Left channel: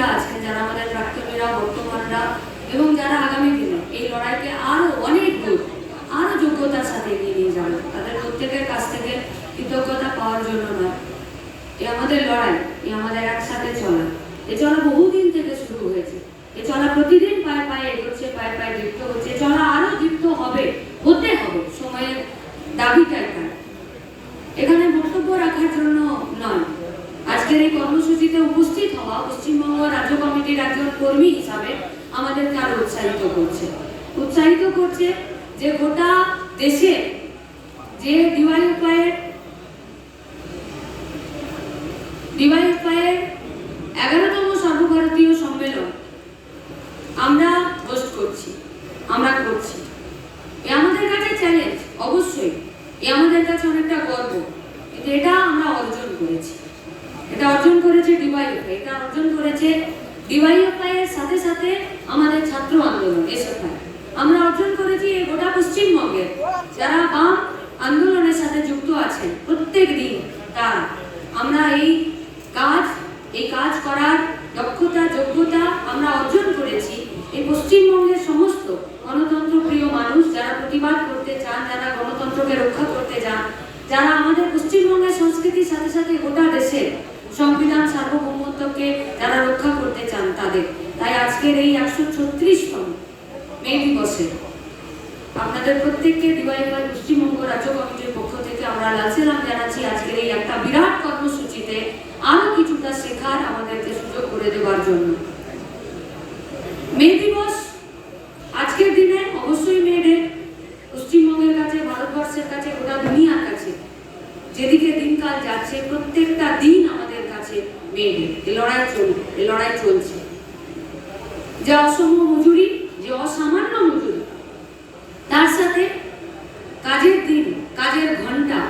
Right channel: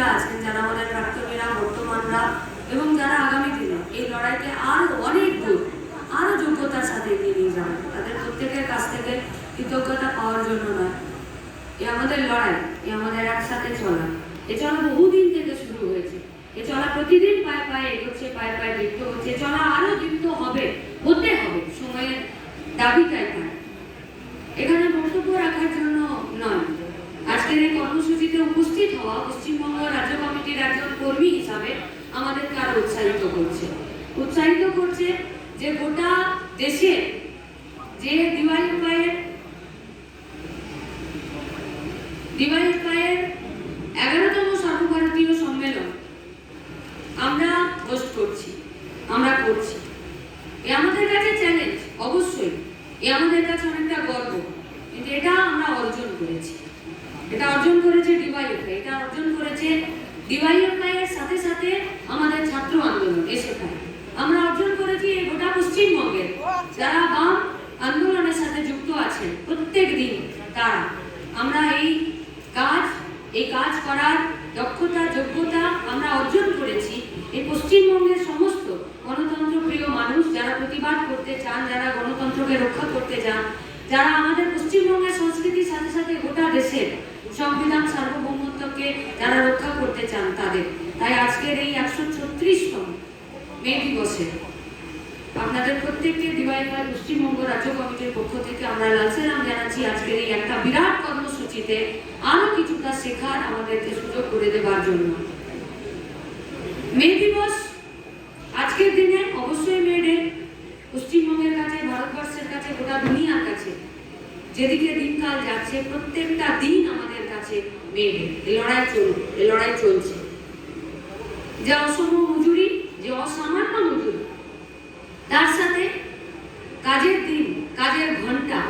প্রাক্তনীরা আছেন, যারা আমাদের প্রাক্তনীরা, বর্তমানরা এবং যারা আগামী দিনে এই লড়াইকে আরো অনেক দূর আরো যোগ্যতার সাথে এগিয়ে নিয়ে যাবে, তাদের প্রত্যেকের কাছ থেকে কৃতজ্ঞতা পাওয়ার জন্য নয়। এ আমাদের লড়াই, এ আমাদের একসাথে চলা, এ চলা বহুদিন থেকে শুরু হয়েছে। এ চলা প্রতিদিন পায়ে পায়ে এগোচ্ছে, পায়ে পায়ে দীপ্ত হচ্ছে, চলা আরো দীপ্ত হবে, হতে হবে, সময়ের দাবিটাই তার। এখানে বক্তব্য রাখার জন্য নয়, আজকের এই কর্মসূচিতে উপস্থিত হওয়া পশ্চিমবঙ্গ রাজ্য কমিটির একজন কর্মী হিসাবে আমাদেরকে আরো উৎসাহিত করছে যে গোটা দেশে যে ডিওয়াইএফআইয়ের 11তম সর্বভারতীয় সম্মেলন আমরা হোস্ট করছি, আমরা করছি। এ আমাদের কাছে চ্যালেঞ্জ, অবশ্যই এ আমাদের কাছে অনেকটা গর্ব, কিন্তু এটা আমরা অর্জন করেছি। এটা অর্জন করেছে ডিওয়াইএফআই, এটা অর্জন করেছে ডিওয়াইএফআই এর সাথে সাথে আমাদের ছাত্র আন্দোলন এসএফআই। আমরা অর্জন করেছি এই গোটা পশ্চিমবঙ্গের যারা বাম আন্দোলনের সাথে যুক্ত আছেন প্রত্যেক দিন তারা। আমরা এই কাজ করার দক্ষতা, যোগ্যতা আমরা অর্জন করেছি এই পশ্চিমবঙ্গের সমস্ত গণতন্ত্র প্রিয় মানুষ, যারা প্রতিবাদ করতে চান, যারা গণতন্ত্রকে রক্ষা করতে চান, যারা আমাদের পশ্চিমবঙ্গের সংস্কৃতির সাথে সাথে গোটা দেশের সংবিধান সার্বভৌমত্বকে যারা রক্ষা করতে চান তাদের। তাই আজকের এই 136তম মে দিবসে আপনাদের প্রত্যেককে ডিওয়াইএফআই পশ্চিমবঙ্গ রাজ্য কমিটির পক্ষ থেকে আমরা লাল সালাম জানাচ্ছি। আজকের এই একটা বিরাট কর্মসূচিতে আরো কিছুটা শেখার আমাদেরকে সুযোগ করে দেওয়ার জন্য। মে দিবস আজকের দিনে অবশ্যই মে ডে পশ্চিমবঙ্গের কাছে, ভারতবর্ষের কাছে, গোটা দুনিয়ার কাছে যেদিকে দিনকাল যাচ্ছে প্রত্যেকটা দিন আমাদের কাছে মে ডে। এই লড়াই চলছে। যে অসম মজুরি, যে অসামান্য মজুরি, তার সাথে কাজের দিন, কাজের ঘন্টা,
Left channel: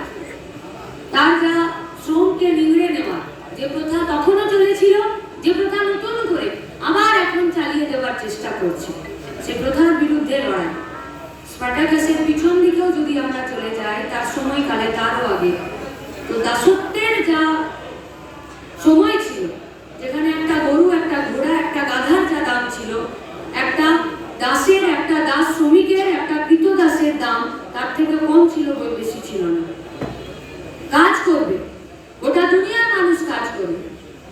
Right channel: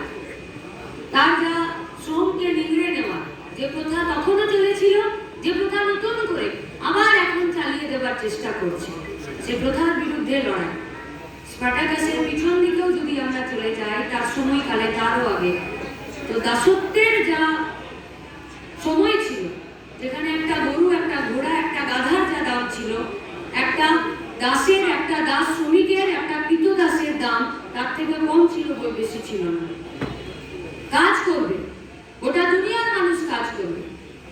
তার যা শ্রমকে নিংড়ে নেওয়া, যে প্রথা তখনও চলেছিল, যে প্রথা নতুন করে আবার এখন চালিয়ে দেওয়ার চেষ্টা করছে, সে প্রথার বিরুদ্ধে লড়াই। স্পার্টাকাসের পিছন দিকেও যদি আমরা চলে যাই, তার সময়কালে, তারও আগে, তো দাসত্বের যা সময় ছিল, যেখানে একটা গরু, একটা ঘোড়া, একটা গাধার যা দাম ছিল, একটা দাসের, একটা দাস শ্রমিকের, একটা কৃতদাসের দাম তার থেকে কম ছিল, বই বেশি ছিল না। কাজ করবে, গোটা দুনিয়ার মানুষ কাজ করবে,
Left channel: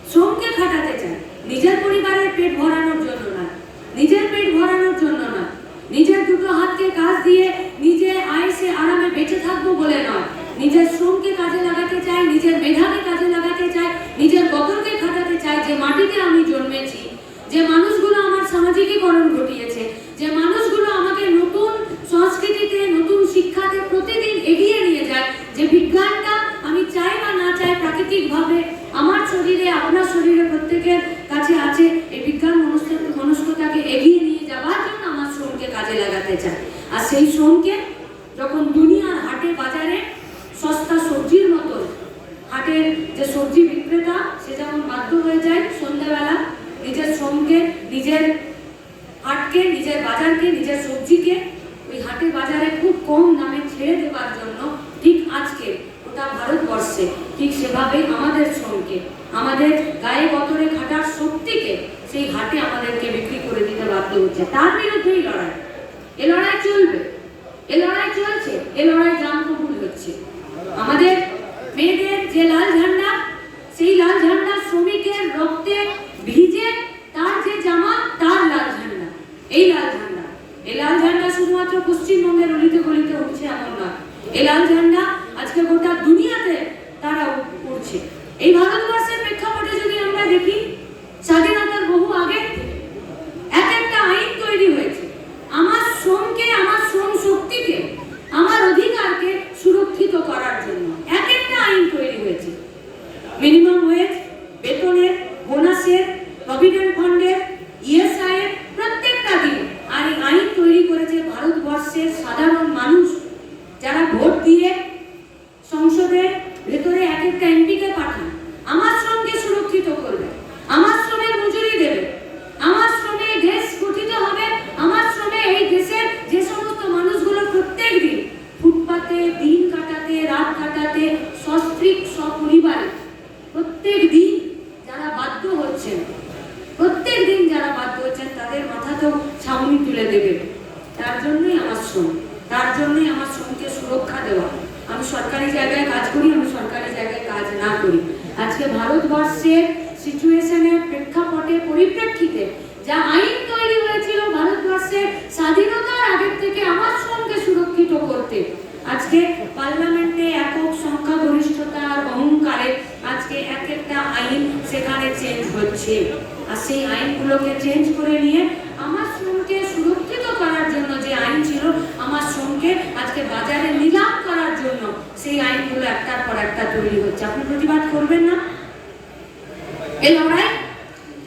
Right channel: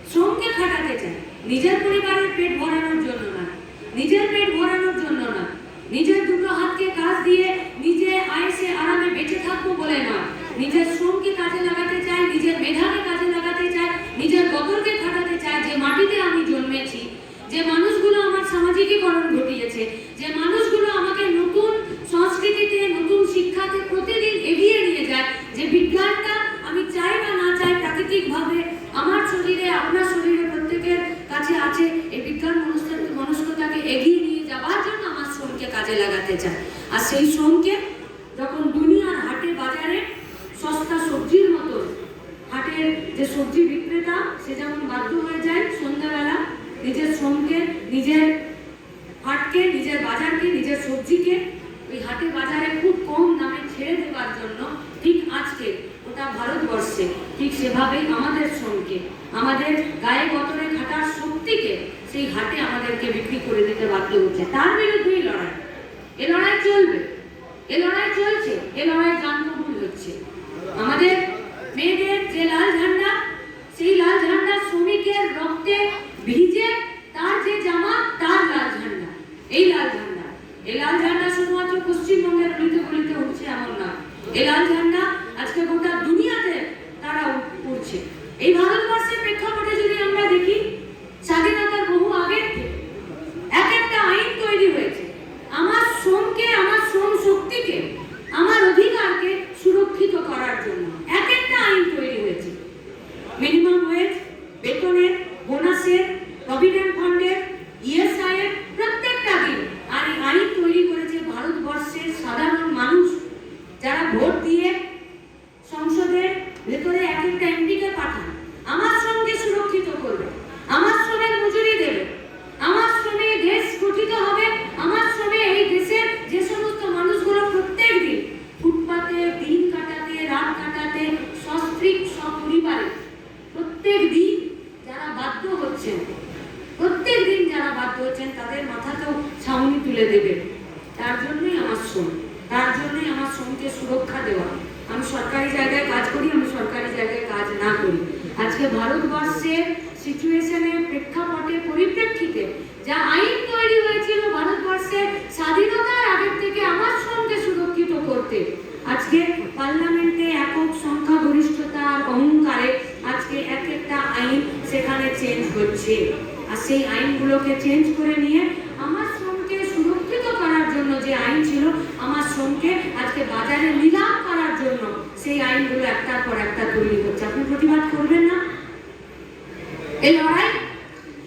শ্রমকে খাটাতে চায়, নিজের পরিবারের পেট ভরানোর জন্য না, নিজের পেট ভরানোর জন্য না, নিজের দুটো হাতকে কাজ দিয়ে নিজে আয়েসে আরামে বেঁচে থাকবো বলে নয়, নিজের শ্রমকে কাজে লাগাতে চায়, নিজের মেধাকে কাজে লাগাতে চায়, নিজের বদলকে খাটাতে চায়। যে মাটিতে আমি জন্মেছি, যে মানুষগুলো আমার সামাজিকীকরণ ঘটিয়েছে, যে মানুষগুলো আমাকে নতুন সংস্কৃতিতে, নতুন শিক্ষাতে প্রতিদিন এগিয়ে নিয়ে যায়, যে বিজ্ঞানটা আমি চাই বা না চাই প্রাকৃতিকভাবে আমার শরীরে, আপনার শরীরে প্রত্যেকের কাছে আছে, এই বিজ্ঞান মনস্কতাকে এগিয়ে নিয়ে যাওয়ার জন্য আমার শ্রমকে কাজে লাগাতে চায়। আর সেই শ্রমকে যখন দুনিয়ার হাটে বাজারে সস্তা সবজির মতো, হাটের যে সবজি বিক্রেতা সে যেমন বাধ্য হয়ে যায় সন্ধ্যাবেলা নিজের শ্রমকে, নিজের হাটকে, নিজের বাজারকে, নিজের সবজিকে ওই হাটে বাজারে খুব কম দামে ছেড়ে দেওয়ার জন্য, ঠিক আজকে ওটা ভারতবর্ষে ঠিক সেভাবেই আমাদের শ্রমকে, আমাদের গায়ে গতরে খাটার শক্তিকে সেই হাটে আমাদেরকে বিক্রি করে দিতে বাধ্য হচ্ছে। তার বিরুদ্ধেই লড়াই, এ লড়াই চলবে, এ লড়াই চলছে, এ লড়াই জানকবুল হচ্ছে। আমাদের মেয়েদের যে লাল ঝান্ডা, সেই লাল ঝান্ডা শ্রমিকের রক্তে ভিজে তার যে জামা, তার লাল ঝান্ডা, এই লাল ঝান্ডা, এই লাল ঝান্ডা শুধুমাত্র পশ্চিমবঙ্গের অলিতে গলিতে উঠছে এমন নয়, এই লাল ঝান্ডা আজকে গোটা দুনিয়াতে তারা উঠছে। এই ভারতবর্ষের প্রেক্ষাপটে যদি আমরা দেখি, স্বাধীনতার বহু আগে এক একটা আইন তৈরি হয়েছে আমার শ্রমকে, আমার শ্রম শক্তিকে, আমার অধিকারকে সুরক্ষিত করার জন্য। এক একটা আইন তৈরি হয়েছে, মিনিমাম ওয়েজ, বেতনের, বোনাসের, প্রভিডেন্ট ফান্ডের, ইএসআই এর প্রত্যেকটা দিন। আর এই আইন তৈরি করেছে ভারতবর্ষের সাধারণ মানুষ, যারা ভোট দিয়ে সংসদের ভেতরে এক একটা এমপিকে পাঠান। আমার শ্রমকে সুরক্ষিত করবে, আমার শ্রমের মজুরি দেবে, আমার শ্রমে এই দেশ গঠিত হবে, আমার শ্রমে এই দেশের যে সমস্ত মানুষগুলো প্রত্যেক দিন ফুটপাতে দিন কাটাতে, রাত কাটাতে, সস্ত্রীক সপরিবারে প্রত্যেক দিন যারা বাধ্য হচ্ছেন, যারা বাধ্য হচ্ছেন তাদের মাথাতেও ছাউনি তুলে দেবে। তার জন্যই আমার শ্রম, তার জন্যই আমার শ্রমকে সুরক্ষা দেওয়া। আমি সরকারি জায়গায় কাজ করি, আমি সরকারি জায়গায় কাজ না করি। আজকে ভারতবর্ষের সিচুয়েশনের প্রেক্ষাপটে পরিপ্রেক্ষিতে যা আইন তৈরি হয়েছিল ভারতবর্ষের স্বাধীনতার আগের থেকে আমার শ্রমকে সুরক্ষিত করতে, আজকে পার্লামেন্টে একক সংখ্যাগরিষ্ঠতার অহংকারে আজকে এক একটা আইন সেখানে চেঞ্জ হচ্ছে। আর সেই আইনগুলোকে চেঞ্জ করে নিয়ে আমার শ্রমকে সুরক্ষিত করার জন্য যে আইন ছিল, আমার শ্রমকে আজকে বাজারে নিলাম করার জন্য সেই আইনগুলো একটার পর একটা তৈরি হচ্ছে। আপনি প্রতিবাদ করবেন না? এই লড়াই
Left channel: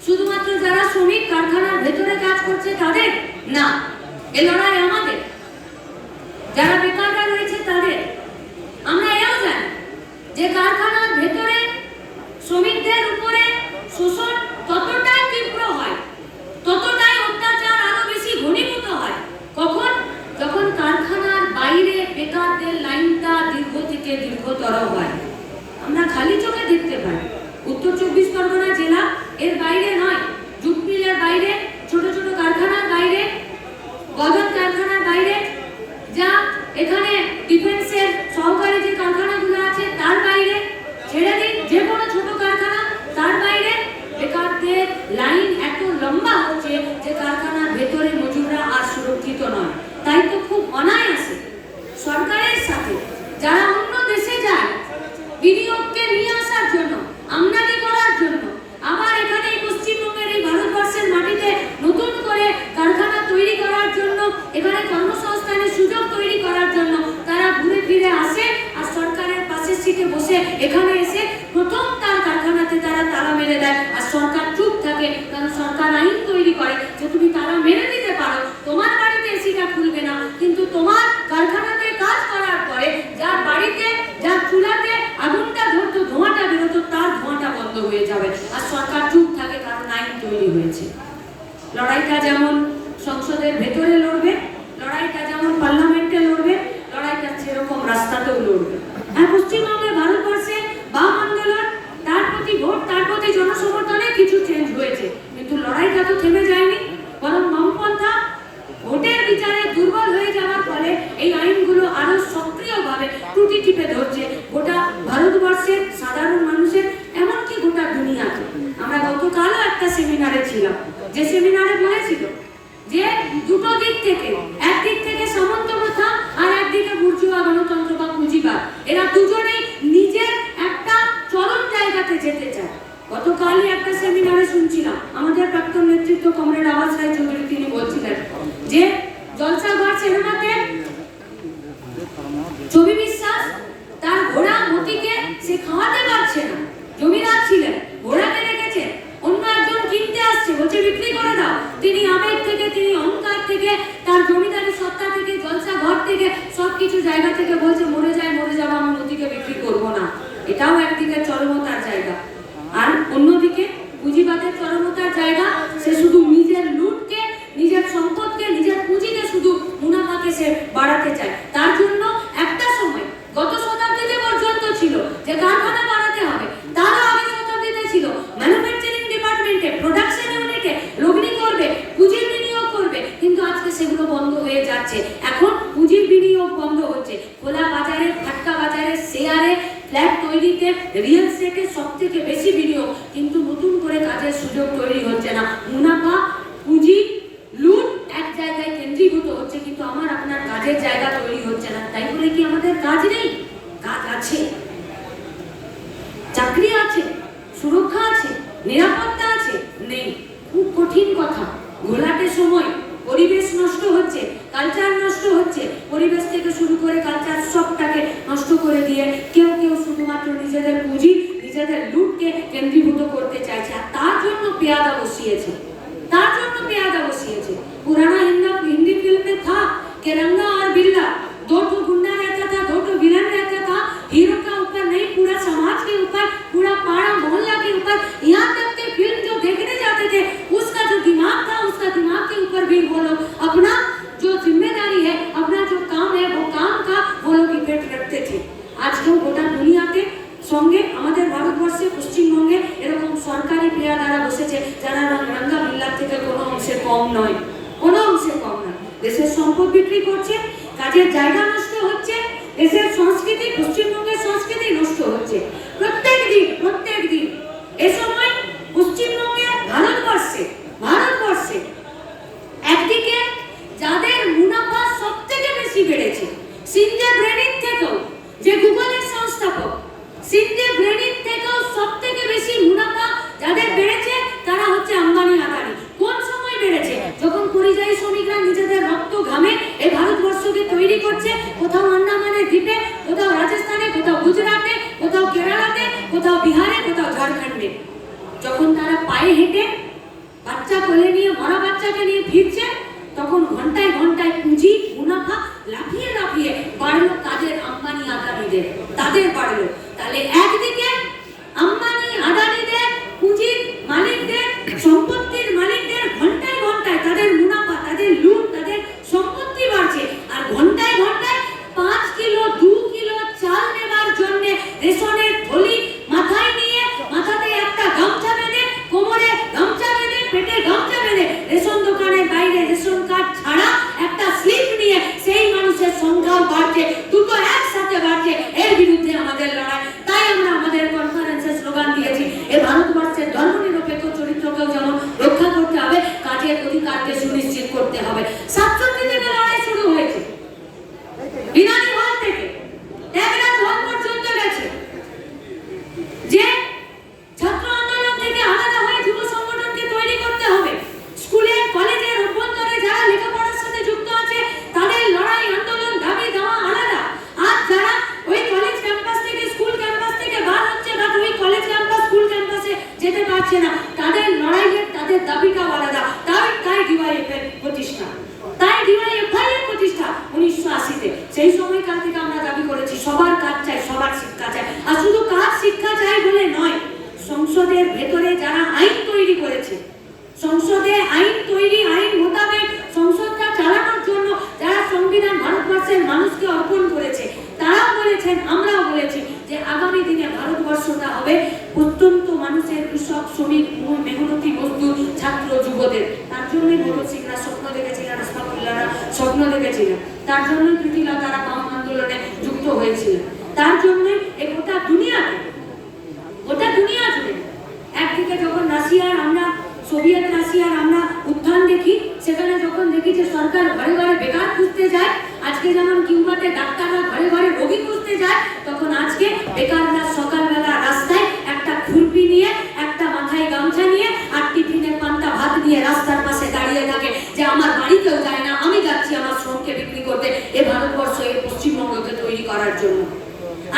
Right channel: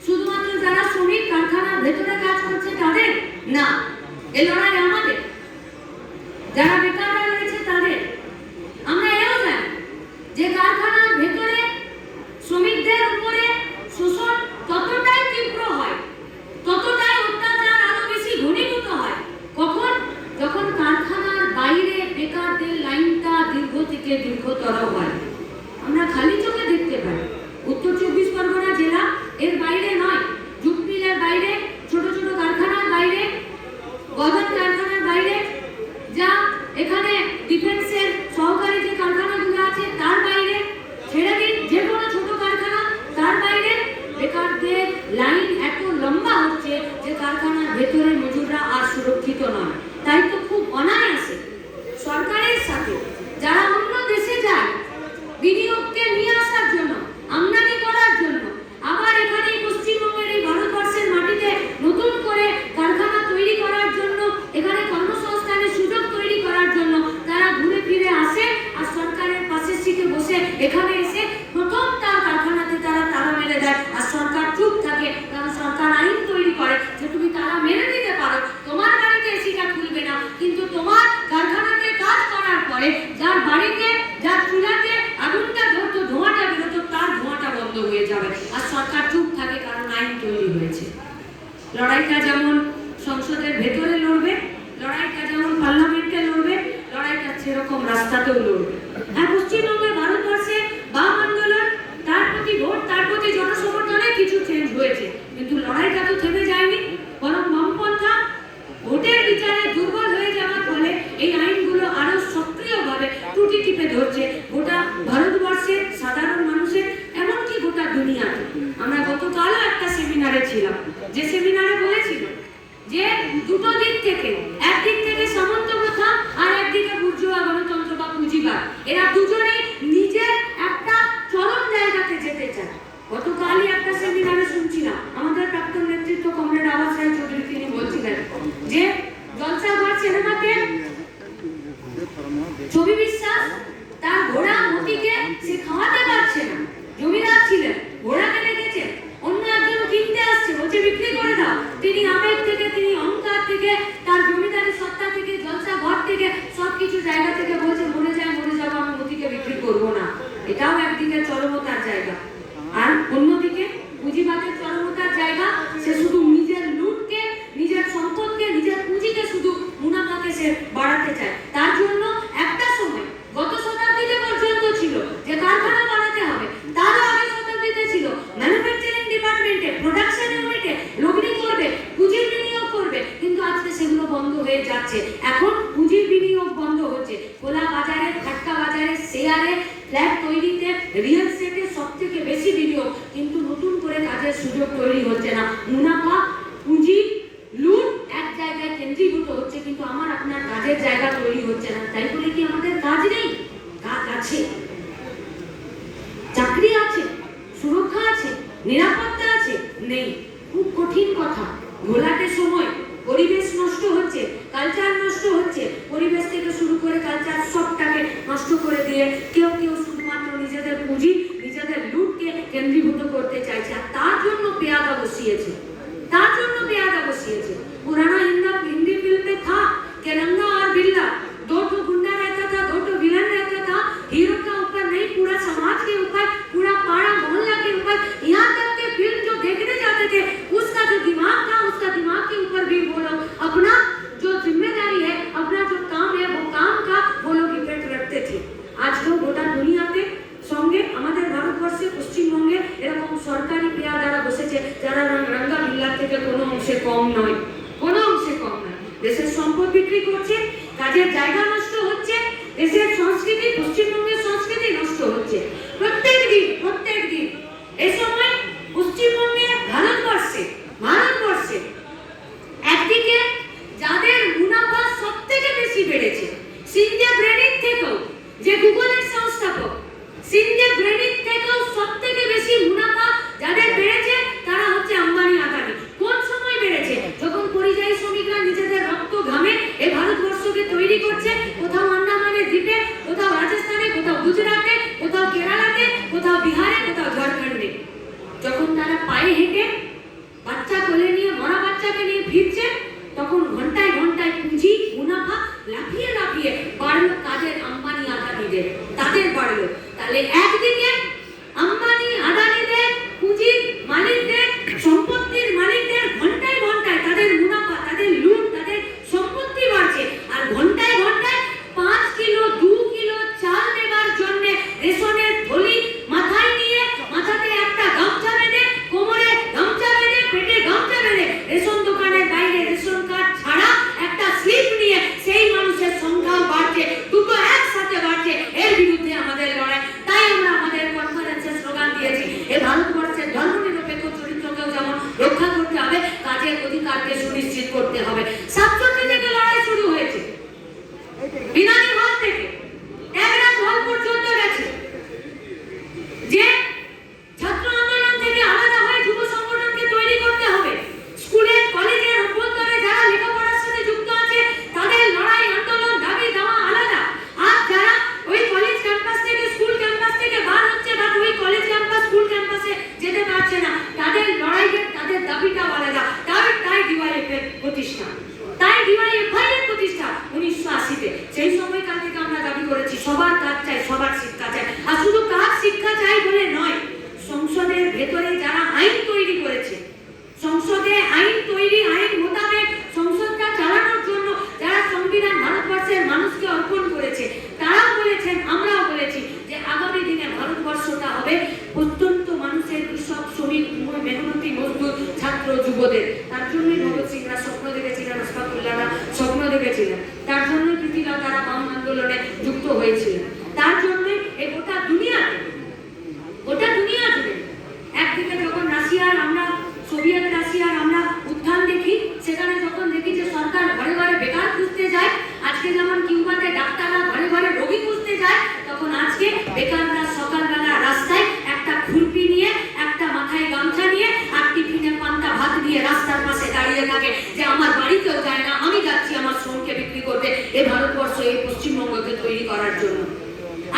শুধুমাত্র যারা শ্রমিক কারখানার ভেতরে কাজ করছে তাদের না, এই লড়াই আমাদের, যারা বেকাররা রয়েছে তাদের। আমরা এও জানি যে কারখানার ভেতরে শ্রমিকদের উপরে শোষণ ততটাই তীব্র হয়, ততটাই অত্যাচার আরো বেশি ঘনীভূত হয় কখন? যখন কারখানার বাইরে বেকারদের লাইনটা দীর্ঘ থেকে দীর্ঘতর হয়। আমরা খালি চোখে দেখতে পাই উত্তর 24 পরগনা জেলা এর বাইরে নয়, জুট মিলের বাইরে, ছোট ছোট কারখানার বাইরে, গদন কারখানার বাইরে, যা এখানে ডিফেন্সের সহকারী যে কারখানাগুলো আছে তার বাইরে, ছেড়ে দিন যে কোনো ছোট কারখানা, তার বাইরে বেকারদের লাইন এত লম্বা হচ্ছে যে কারখানার ভেতরে মজুররা আর সুরক্ষিত নয়। তাই তো খুব অনায়াসে সরকারের সাথে যারা অন্য দেশে যায় বিনিয়োগকে নিয়ে আসার জন্য, আমদানি করার জন্য, আবার এখানে পশ্চিমবঙ্গের এই ভারতবর্ষের মাটিতে নতুন করে কারখানা তৈরি করার জন্য, এখানে কর্মসংস্থানের সুযোগ তৈরি করার জন্য তারা ঘুরে ফিরে আসে আর সরকারের পাশের সিটে বসে এখানে এসে প্রথম তার কারখানাতে তারা তালা মেরে দেয় আর সরকার চুপ থাকে। কারণ সরকার আইন তৈরি করে যে তুমি তালা মেরে দিতে পারো, তোমার বাড়িতে এসিটা খুলবে না, কিন্তু তোমার কারখানাতে কাজ করার পরে যার বাড়িতে, যার চুলাতে আগুনটা ধরতো, ধোঁয়াটা বেরোতো, তার ধোঁয়াটা বন্ধ হয়ে যাবে। আর সরকার চুপ থাকে কারণ আইন তৈরি হয়েছে। লড়াইটা যেমন সংসদের ভেতরে লড়বে, লড়াইটা যেমন পার্লামেন্টে লড়বে, লড়াইটা সেরকম রাস্তাতেও লড়বে। আর পশ্চিমবঙ্গে ভারতবর্ষে বাম আন্দোলন, তার প্রতি ভোট, তার প্রতি জনসমর্থনে কিছু চেঞ্জ হয়েছে, কিন্তু লড়াইটা তো থেমে যায়নি। বরং বামপন্থা ভোটের বিচারে দুর্বল হয়ে যাওয়ার ফলে এই আইনগুলো আরো সক্রিয়ভাবে ত্রুটি টিপে ধরছে গোটা ভারতবর্ষের সাধারণ মানুষের, এমনকি গোটা দুনিয়াতে। আমরা গতকালও একটা সেমিনারে ছিলাম, যে সেমিনারে বলেছিল যে দুটো দিক থেকে, একদিক থেকে সামন্ত প্রথা আর একদিকে বুর্জুয়া গণতন্ত্র বা পুঁজিবাদ, এরা দুজনেই নিজের একটা চরম জায়গাতে যেতে চায়। গতকালই একটা সেমিনারে শুনছিলাম আমাদের প্রাক্তন নেতৃত্ব কমরেড আওয়াজ রায় চৌধুরী, তিনি বলছিলেন যে জলসাঘর সিনেমাতে ছবি বিশ্বাস তার ঘোড়া মতিকে সে খাওয়াতে পারছে না, জমিদার ছিলেন, ঘোড়াকে রেখেছে, অন্য একজন কিনতে আসছে, বলছে বিক্রি করে দাও। তিনি আবেগ থেকে, তিনি অহংকার থেকে, তার জমিদারি সত্তা থেকে, জলসা ঘর থেকে, সবকিছু জায়গা থেকে বলছে মরে যায়, মরে যাবো, আমি মতিকে বিক্রি করবো না। এটাও একদিকে চরমতার জায়গা। আর অন্যদিকে পুঁজিবাদের চরমতার জায়গা, সে শুধু নিজের লুটকে, নিজের সম্পদকে, নিজের পুঁজিকে শুধু মুনাফাকে সে বাড়াতে চায়। তার জন্য একটা সময় গত শতাব্দীতে পর্যন্ত ছিল যে কারখানা বাড়াতে হবে, তারও আগের শতাব্দীতে ছিল ম্যানুফ্যাকচারিং ডিপার্টমেন্টে, প্রোডাকশন ইউনিটে লগ্নি করবে, পুঁজির বিনিয়োগ করবে, কিন্তু আজকে সেগুলো বন্ধ হয়ে যাচ্ছে। এখন পুঁজির বিনিয়োগ বন্ধ হচ্ছে, খোলা বাজারে, ফাটকা বাজারে, শেয়ারে, ফ্ল্যাট তৈরিতে, রিয়েল এস্টেটে সব থেকে বেশি বিনিয়োগ, কিন্তু নতুন করে কাজের সুযোগ তৈরি হচ্ছে না। মুনাফা, পুঁজি, লুট এক জায়গায় কেন্দ্রীভূত হচ্ছে, কিন্তু আমার আপনার কাজের জায়গা তৈরি হচ্ছে না। তাই বলে কি আমাদের কাজ নেই? কাজ আছে, চাকরি আছে, সুরক্ষা আছে, নিরাপত্তা আছে, নেই। খুব কঠিন কথা। ঘোলাটে সময়, পরিবেশ নষ্ট হচ্ছে, কালচার নষ্ট হচ্ছে, পরিবেশ থেকে শুরু করে কালচার সবটাকে নষ্ট করে দিয়ে কেউ কেউ শুধুমাত্র নিজেদের পুঁজি, নিজেদের লুটকে কেন্দ্রীভূত করতে চাইছে। আর তার জন্য পেয়াদা বসিয়েছে, তার জন্য পেয়াদা বসিয়েছে। पुराना हिंदी फिल्म में था कि रंगा और बिल्ला, दो तो गुंडा रहता था, दो तो विलन रहता था, हीरो का ऊपर नहीं, पूरा समाज के ऊपर, पूरा पाड़ा मोहल्ला के ऊपर, यहाँ तक कि फिल्म जो देखने जाते थे उसका जो दिमाग था, उसका दिमाग के ऊपर भी वो लोग अपना जो जिम्मेदारी है, अपना जो काम है, वो काम का वो लोग इफेक्ट रखते थे। आज तो गोटा दुनियाते সঙ্গে আমাদের ভারতবর্ষে পশ্চিমবঙ্গে এরকম সরকারি পেয়াদারা বসেছে যারা রঙ্গা বিল্লা সরকার থেকে কোনো অংশে কম নয়, কোনো অংশে কম নয়। দেশের সম্পদ বিক্রি করছে, কাজের জায়গা নষ্ট হচ্ছে, দেশের সংস্কৃতি, পশ্চিমবঙ্গের সংস্কৃতি নষ্ট হচ্ছে প্রত্যেক দিন। এ সময় পশ্চিমবঙ্গে ভারতবর্ষে একদিকে যাদের মুনাফা সব থেকে বেশি বেড়েছে, সিনজে ব্রেনির থেকেও, যে গুগলের সংস্থাপক, সিনজে ব্রেনির থেকেও সব থেকে বেশি মুনাফা যাদের বেড়েছে তারা হচ্ছে আম্বানি আদানি। কোন সময় বেড়েছে? যখন পরিযায়ী শ্রমিকরা নিজেদের রক্ত ঘামে এই ভারতবর্ষকে তৈরি করছে, কোথাও আন্দামানের দ্বীপে, কোথাও রাজস্থানে, কোথাও গুজরাটে, কোথাও কেরালাতে, কোথাও বিহারে, কোথাও ঝাড়খণ্ডে, যখন তারা পায়ে হেঁটে বাচ্চা কোলে নিয়ে, মরা বাচ্চাকে নিয়ে ফিরছে, তখন ঘন্টায় ঘন্টায় পুঁজি মুনাফা লাফিয়ে বাড়লো কাজের আম্বানি আদানিদের, তাদের বাড়লো। তাহলে একদিকে আম্বানি আদানিদের, পুঁজির মালিকদের, সম্পত্তির মালিকদের ঘন্টায় তাদের মুনাফা, তাদের লুট, তাদের সম্পত্তি বাড়ছে, আর ঘন্টায় 5 কিলো 2 কিলো চাল নেবার জন্য রেশনের থলি মাথায় নিয়ে, মাথাতে একটা গামছা বেঁধে, কোমরে গামছা বেঁধে, পেটে গামছা বেঁধে রেশন দোকানের বাইরে রেশন কার্ড ছাড়া একটা স্লিপ নিয়ে সেই মানুষের সংখ্যা বাড়ছে, দুটো একসাথে বাড়ছে। এর বিরুদ্ধে আমাদের লড়াই। তাই আমরা আমাদের কনফারেন্সে স্লোগান দিয়েছি, এই ভারতবর্ষের ধর্মনিরপেক্ষ চরিত্রকেও যেমন রক্ষা করতে হবে, কাজের অধিকারকে সুনিশ্চিত করতে হবে। 67 থেকে লড়াই শুরু হয়েছে, বিনানি হল থেকে ত্যাগরাজ হল পর্যন্ত গেছে, যে ছাত্র আন্দোলন থেকে আলাদা হয়ে যুব সংগঠনকে তৈরি করতে হবে। স্কুলের কলেজের অভ্যন্তরে যারা লেখাপড়ার সাথে যুক্ত আছে তাদের লড়াই, আন্দোলন, দাবি দেওয়া আলাদা। আর যারা ওই কলেজ ক্যাম্পাস থেকে, স্কুল ক্যাম্পাস থেকে বার হচ্ছে, বা ওই কলেজ ক্যাম্পাস, স্কুল ক্যাম্পাসে যেতে পারছে না, তাদের লড়াইয়ের, তাদের দাবিটাও আলাদা। তাই ডিওয়াইএফআই প্রতিষ্ঠা, 1980-তে। সেই সময়কাল থেকে আমরা দাবি করেছি সবার কাজ চাই, সবার শিক্ষা চাই। আর শুধু কাজ শিক্ষা চাই বলে নয়, সংসদের ভেতরে যারা আইন তৈরি করেছে, সংসদে আইন তৈরি, আইন মোতাবেক সংসদটা চালানোর জন্য যারা সংবিধান ভারতবর্ষের মানুষকে অর্পণ করেছে, তারাও বলেছেন, আমরাও বলেছি যে আগামী দিনে ভারতবর্ষটা হবে প্রত্যন্ত মানুষের, কৃষক, শ্রমিক, মেহনতি মজদুর, ছাত্র, যুবদের। তার জন্যই ভগৎ সিংরা স্বপ্ন দেখেছিলেন, আশফাকুল্লাহরা স্বপ্ন দেখেছিলেন, তার জন্যই প্রীতিলতারা বাম আন্দোলনে যুক্ত হয়েছিলেন, তার জন্যই এই গোটা দুনিয়া জুড়ে একদিকে যখন সোভিয়েত রাশিয়ার আমরা উত্থান দেখি, সেখানে যখন দেখি যে সরকার ঘরে ঘরে বেকার খুঁজতে যায়, আজকে যেমন কিউবাতে ডাক্তাররা ঘরে ঘরে রোগী খুঁজতে যায়, তখন আজকে বেকাররা সকালবেলা রাস্তায় একটা খুরপি নিয়ে, একটা মাথায় গামছা নিয়ে, আর টিফিনে পান্তা ভাত নিয়ে রাস্তার পাশে দাঁড়িয়ে থাকে যে আমার বাড়িতেও যায় না, আমি যাচ্ছি আমার শ্রমকে বিক্রি করতে এ ভারতবর্ষ, এই পশ্চিমবঙ্গকে তৈরি করার জন্য।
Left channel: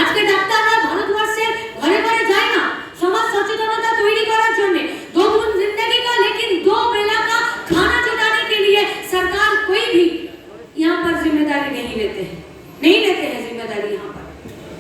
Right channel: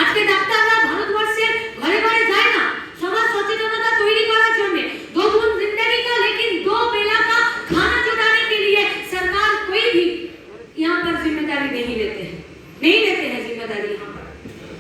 আজকে ডাক্তাররা ভারতবর্ষের ঘরে ঘরে যায় না সমাজ সচেতনতা তৈরি করার জন্য। दो बूंद जिंदगी का, लेकिन 2 बेला का खाना जुटाने के लिए सरकार कोई भी यहाँ पर जिम्मेदारी नहीं लेते हैं जिम्मेदारी यहाँ पर।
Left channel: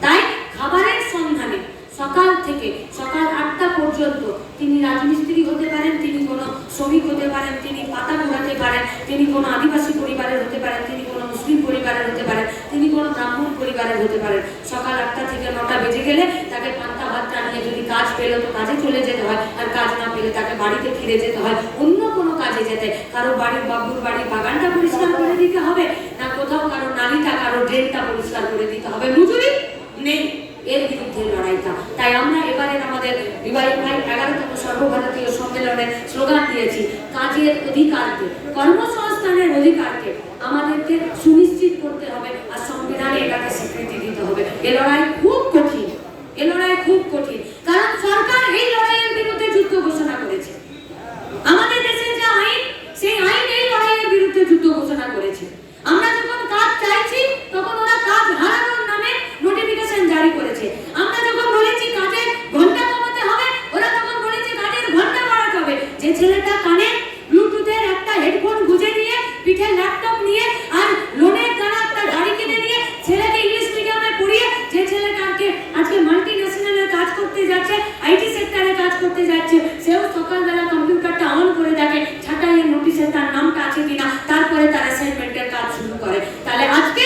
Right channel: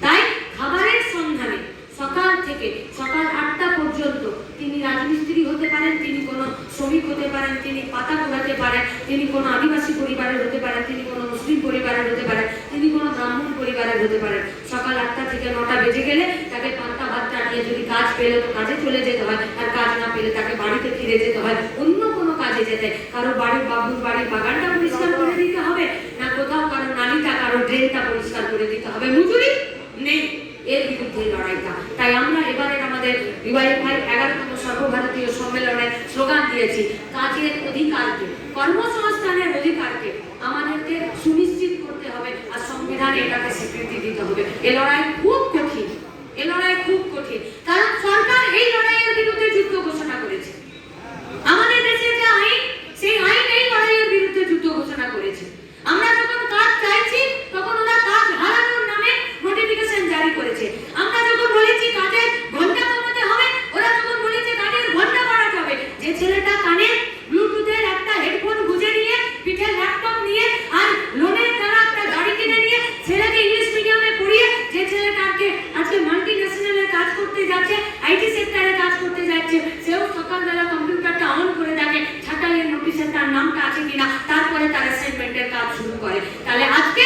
তাই খাবারের সন্ধানে সকাল থেকে সকাল 8টা পর্যন্ত তিনি রাজমিস্ত্রি হতে পারেন, তিনি কোনো শ্রমিক হতে পারেন, তিনি পাতা পোড়াতে পারেন, তিনি কোনো আদিবাসী পরিবারের হতে পারেন, তিনি কোনো মুসলিম পরিবারের হতে পারেন, তিনি কোনো ব্রাহ্মণ পরিবারের হতে পারেন। সকাল 8টা থেকে 9টা বেজে গেলে তাকে পান্তা ভাত টানিয়ে, যদি কাজ পেলে তো কাজে চলে যেতে হয়, আর কাজ না পেলে তাকে বাড়িতে ফিরে যেতে হয়, অন্য কোনো কাজে যেতে। কারো বাড়ির বাবুর বাড়ির বাগানটা পরিষ্কার করে দিতে হবে, না কোথাও কারো নালীটা, কারো ড্রেনটা পরিষ্কার করে দিতে হবে, মজুরি নেই। এর বিরুদ্ধে লড়াইটা। তাই আমরা এবারে আমাদের ডিওয়াইএফআই 11তম সর্বভারতীয় সম্মেলনে স্লোগান দিয়েছি, কাজের অধিকারকে, কর্মসংস্থানের অধিকারকে আমাদেরকে সুনিশ্চিত করতে হবে, আর সংবিধানে এটাকে স্বীকৃতি দিতে হবে। এ লড়াই খুব কঠিন, কারণ সরকার এই লড়াইয়ের বিরুদ্ধে যুদ্ধ ঘোষণা করেছে। আমাদের দেশে যে আইন, সেই আইন এই লড়াইয়ের বিরুদ্ধে যুদ্ধ ঘোষণা করেছে। আমরা যখন কাজ চাইছি তখন ওরা কাজ হারানোর নামে নোটিফিকেশন জারি করেছে। আমরা যখন বলেছি কাজের ঘন্টা কমাতে হবে, ওরা তখন বলেছে কাজের ঘন্টা বাড়াতে হবে। যে ছেলেটা কানে ব্লুটুথের একটা হেডফোন গুঁজে নিয়ে, পিঠে ল্যাপটপ নিয়ে, আর লোনের দ্বারা একটা গাড়ি কিনে নিয়ে ছেলেকে ইংলিশ মিডিয়ামে পড়িয়ে, যে ছেলেটাকে আজকে মাল্টি ন্যাশনালের কাজ করতে যাচ্ছে, আইটি সেক্টরে কাজ করতে যাচ্ছে, সেও সকালবেলা কম্পিউটারটা অন করে দেখে ছাঁটাইয়ের নোটিশে তার নামটা আছে কিনা, তারপরে তার অ্যাসাইনমেন্টের কাজ শুরু করে। তাহলে আজকে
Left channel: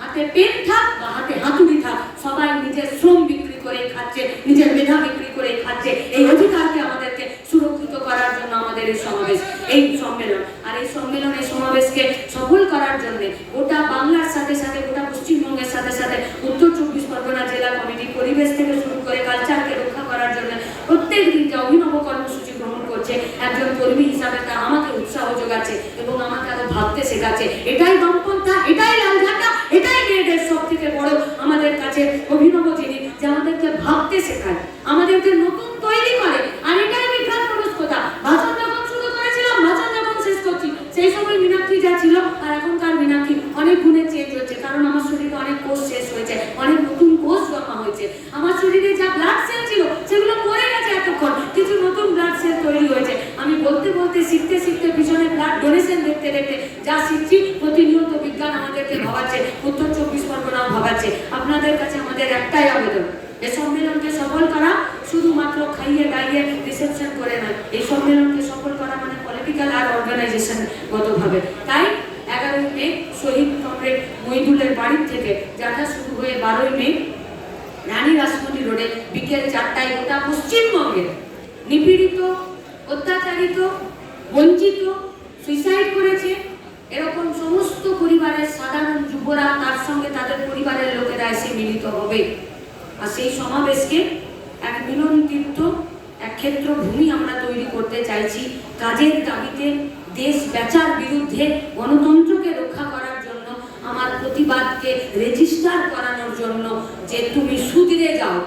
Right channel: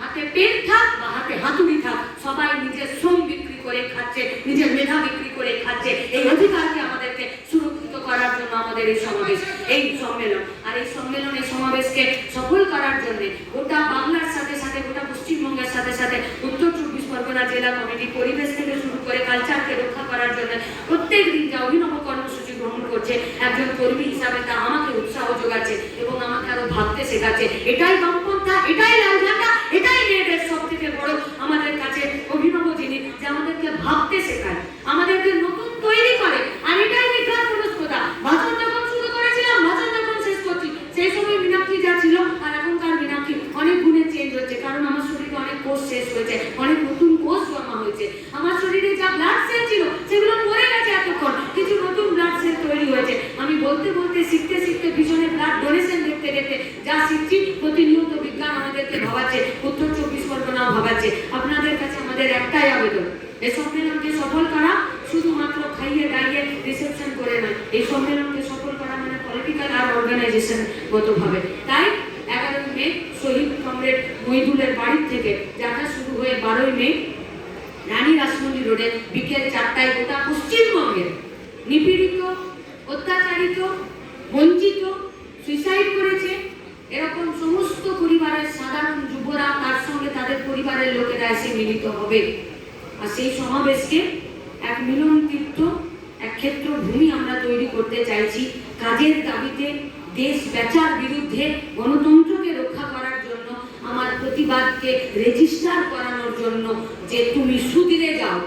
হাতে পেন থাক বা হাতে হাতুড়ি থাক, সবাই নিজের শ্রম বিক্রি করে খাচ্ছে, নিজের মেধা বিক্রি করে খাচ্ছে। এই অধিকারকে আমাদেরকে সুরক্ষিত করার জন্য আমাদের এই সমাবেশ, এই সম্মেলন। আর এই সম্মেলন, এই সমাবেশকে সফল করার জন্য গোটা বাংলার সাথে সাথে গোটা পশ্চিমবঙ্গের সাথে সাথে উত্তর 24 পরগনা জেলা কমিটি পরিবেশ থেকে শুরু করে কালচারকে রক্ষা করার জন্য প্রত্যেক দিন যে অভিনব কর্মসূচি গ্রহণ করছে, একজন কর্মী হিসাবে তা আমাকে উৎসাহ যোগাচ্ছে এবং আমাকে আরো ভাবতে শেখাচ্ছে। এটাই বামপন্থা, এটাই লাল ঝান্ডা, এটাই মেয়েদের সব থেকে বড় আমাদের কাছে অভিনব জিনিস, যে আমাদেরকে ভাবতে শেখায়, আমাদেরকে নতুন তৈরি করে। আর এটাই বিজ্ঞান মনস্কতা। ভাষণ যখন শুরু করেছিলাম, ভাষণ যখন শেষ করছি, সেই সময় মীনাক্ষী যা ছিল আর এখনকার মীনাক্ষী অনেক গুণে চেঞ্জ হচ্ছে, কারণ আমার শরীরে অনেক কোষ শেষ হয়েছে, অনেক নতুন কোষ জমা হয়েছে। আমার শরীরে যা ব্লাড সেল ছিল সেগুলো মরে গেছে, এতক্ষণ কিছু নতুন ব্লাড সেল তৈরি হয়েছে। আমি বলতে বলতে, শিখতে শিখতে, পিছনে ব্লাড ডোনেশন দেখতে দেখতে যা শিখছি, প্রতিনিয়ত বিজ্ঞান আমাদেরকে ভাবাচ্ছে, উত্তর 24 পরগনাও ভাবাচ্ছে। আপনাদের কাছে আমাদের একটাই আবেদন, এই সম্মেলনকে সফল করা শুধুমাত্র খাইয়ে গাইয়ে রিসেপশন করে নয়, এই সম্মেলনকে সফল করা মানে পলিটিক্যাল আর অর্গানাইজেশন গতভাবে। তাই 11ই মে শহীদ কমরেড মহিদুলের বাড়ির থেকে যাত্রা শুরু হয়ে 12ই মে রানী রাসমণি রোডে বিকেল 4টায় গোটা পশ্চিমবঙ্গের নিপীড়িত, অত্যাচারিত, বঞ্চিত, সুইসাইড করেছে এরকম সমস্ত পরিবারের সাধারণ যুবরা, তার সঙ্গে তাদের পরিবারের লোকেরা এসে মিলিত হবে। আর সেই সমাবেশকে এক মিলন তীর্থ, এক ক্ষেত্র ভূমি আমরা তৈরি করতে চাইছি। কাজের দাবিতে, দেশ বেচার বিরুদ্ধে, গণতন্ত্রকে রক্ষা করার জন্য, আমার প্রতিবাদকে রেজিস্টার করানোর জন্য, যে তুমি সুধীরে যাও।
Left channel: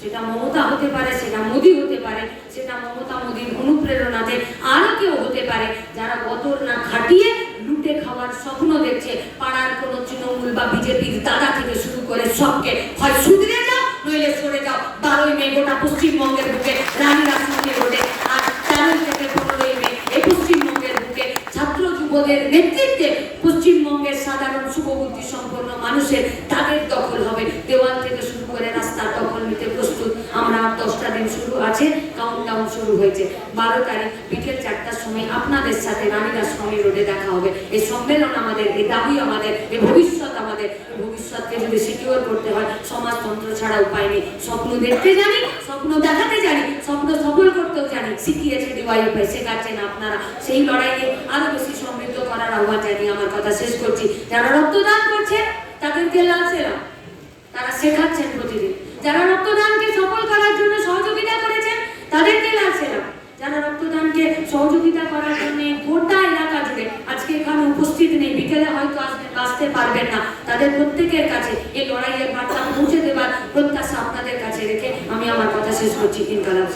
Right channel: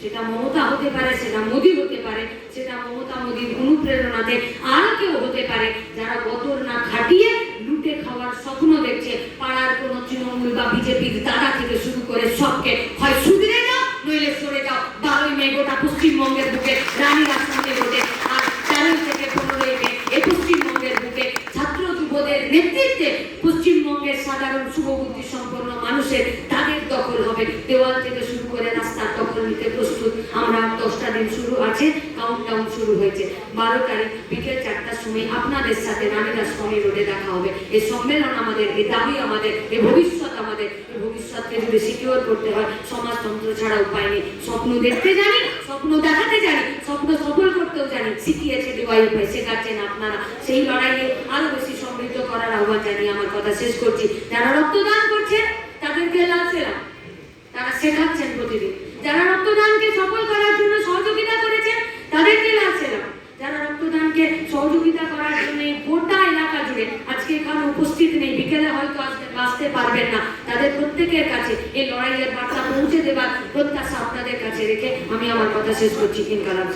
সেটা মমতা হতে পারে, সেটা মোদী হতে পারে, সেটা মমতা মোদীর অনুপ্রেরণাতে আর কেউ হতে পারে, যারা বদর না খাটিয়ে লুটে খাওয়ার স্বপ্ন দেখছে। পাড়ার কোনো তৃণমূল বা বিজেপির দাদা থেকে শুরু করে সবকে হয় সুধীরে যাও, নইলে সরে যাও। 12ই মে গোটা পশ্চিমবঙ্গের বুকে রানী রাসমণি রোডে, আর 4 থেকে 15ই মে এই পশ্চিমবঙ্গের বুকে ছাত্র যুবদের নেতৃত্বে পশ্চিমবঙ্গের সাধারণ শুভবুদ্ধি সম্পন্ন মানুষের তাদের দখল হবে। দেওয়াল থেকে শুরু করে রাস্তার দখল নিতে প্রস্তুত আমরা। 10টা দিন শুরু আছে, কাউন্টডাউন শুরু হয়েছে। 12 তারিখ বিকেল 4টার সময় আপনাদের সাথে রানী রাসমণি রোডে দেখা হবে। এই সম্মেলন আমাদের, এই দাবি আমাদের, এই ভবিষ্যৎ আমাদের। এই ভবিষ্যৎকে যদি সিকিউর করতে হয়, সমাজতন্ত্র ছাড়া উপায় নেই। স্বপ্ন দেখতে জানি, স্বপ্ন দেখাতে জানি, স্বপ্ন সফল করতেও জানি। শিখিয়েছে ডিওয়াইএফআই, শেখাচ্ছেন আপনারা। সেই লড়াইয়ে আরো বেশি সমৃদ্ধ করার আহ্বান জানিয়ে আমার কথা শেষ করছি। যারা রক্তদান করছে তাদেরকে লালসেরাম, তারা শেখাচ্ছেন প্রতিদিন। যারা রক্তদানকে সফল করার জন্য সহযোগিতা করেছেন তাদেরকে লালসেরাম। যারা রক্তদানকে সহযোগিতা করার জন্য গোটা এলাকা জুড়ে আজকে এখানে উপস্থিত নেই, বিকেলে হয়তো আসতে পারবেন না, তাদের প্রত্যেকের কাছে এই লড়াইয়ের বার্তা পৌঁছে দেবার প্রত্যাশা আপনাদের কাছে রেখে আমি আমার কথা শেষ করছি। ইনকালাব।